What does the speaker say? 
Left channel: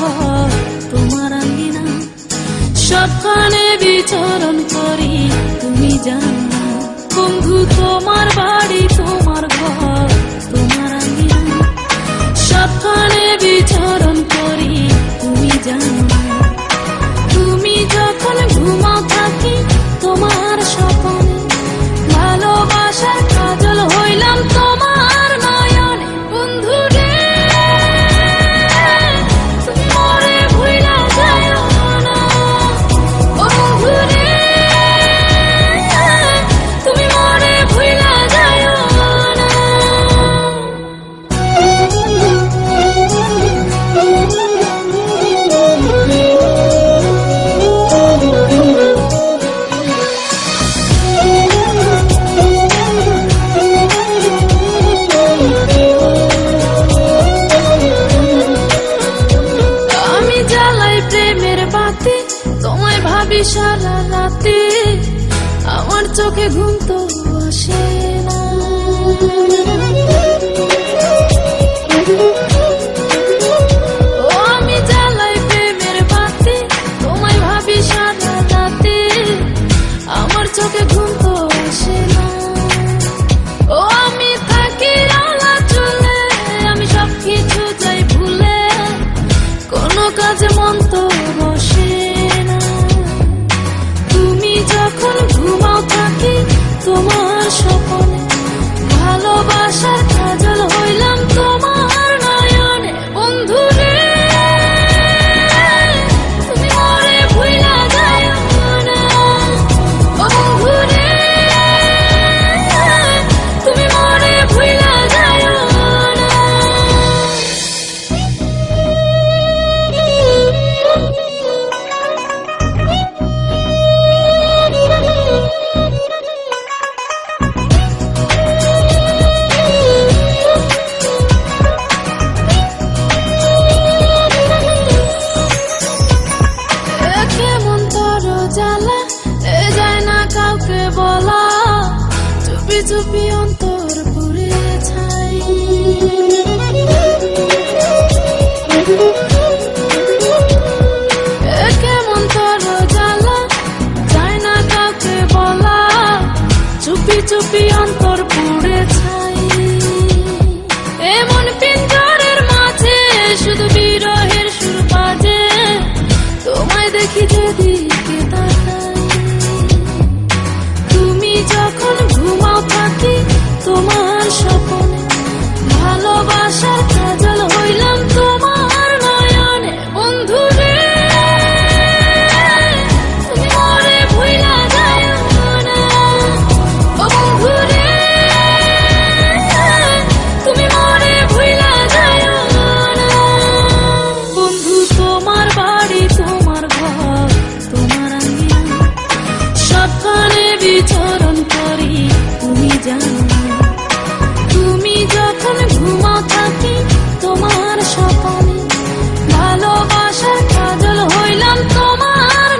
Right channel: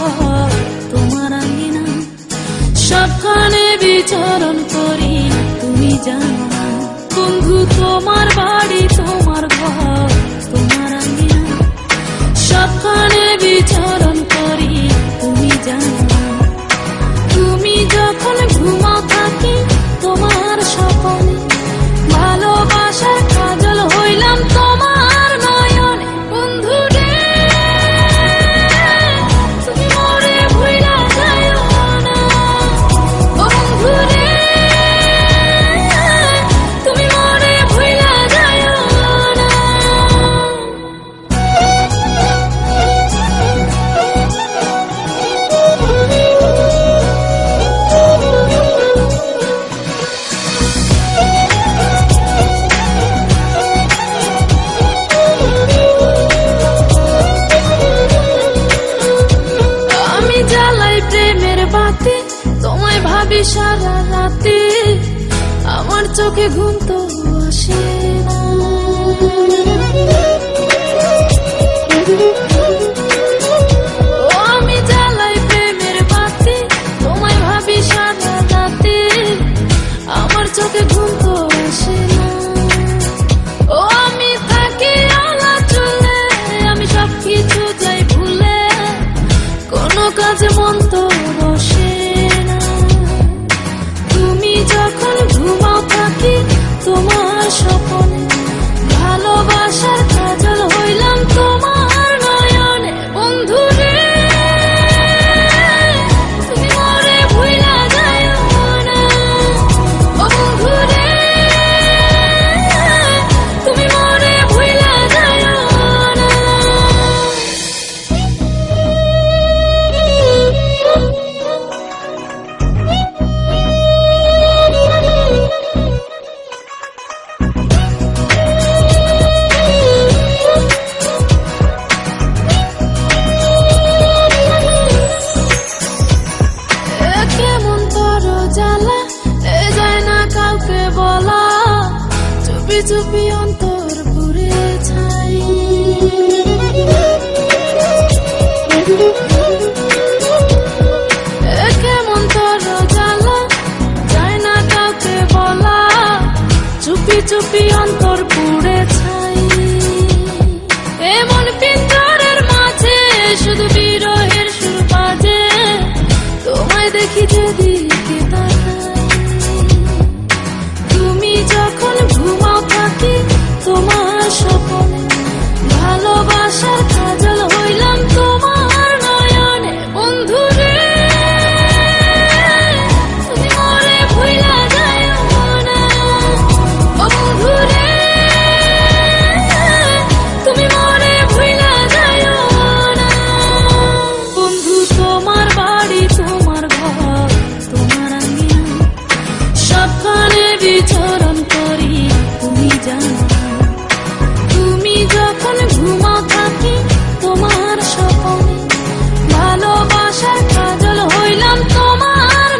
ঘর তোমার আঙ্গিনা, সবখানে বিচরণ করি তুমি জানো না। বন্ধু তোমার বাড়ি তোমার ঘর তোমার আঙ্গিনা, সবখানে বিচরণ করি তুমি জানো না। তুমি যখন ঘুমাও থাকি তোমার স্বপনে, ভালোবাসার কাজল হইলাম তোমার নয়নে। বন্ধু রে তুমি মরে ভুইলা যায়ো না, ও বন্ধু রে তুমি মরে ভুইলা যায়ো না। আমি জ্বালাই প্রেমের বাতি, তোমায় ভাবি সারা রাতে, আমার চোখে ঘুম তো আসে না। ও আমি জ্বালাই প্রেমের বাতি, তোমায় ভাবি সারা রাতে, আমার চোখে ঘুম তো আসে না। ও আমি থাকি আলা চুলে, আমি সবকিছু যাই ভুলে, কোনো কাজে মন তো বসে না। তুমি যখন ঘুমাও থাকি তোমার স্বপনে, ভালোবাসার কাজল হইলাম তোমার নয়নে। বন্ধু রে তুমি মরে ভুইলা যায়ো না, ও বন্ধু রে তুমি মরে ভুইলা যায়ো না। কেমন তোর জ্বালা এ যায় না কাউকে বলা, চুপি চুপি অন্তর পুরে ছাই। কেমন তোর জ্বালা যায় না কাউকে বলা, চুপি চুপি অন্তর পুড়ে ছাই। এমন পিঞ্জরের মাঝে শুধু বিরহের সুর বাজে, তোমায় দেখি যেদিকে তাকাই। তুমি যখন ঘুমাও থাকি তোমার স্বপনে, ভালোবাসার কাজল হইলাম তোমার নয়নে। বন্ধু রে তুমি মরে ভুইলা যায়ো না, ও বন্ধু রে তুমি মরে ভুইলা যায়ো না। বন্ধু তোমার বাড়ি তোমার ঘর তোমার আঙ্গিনা, সবখানে বিচরণ করি তুমি জানো না। তুমি যখন ঘুমাও থাকি তোমার স্বপনে, ভালোবাসার কাজল হইলাম তোমার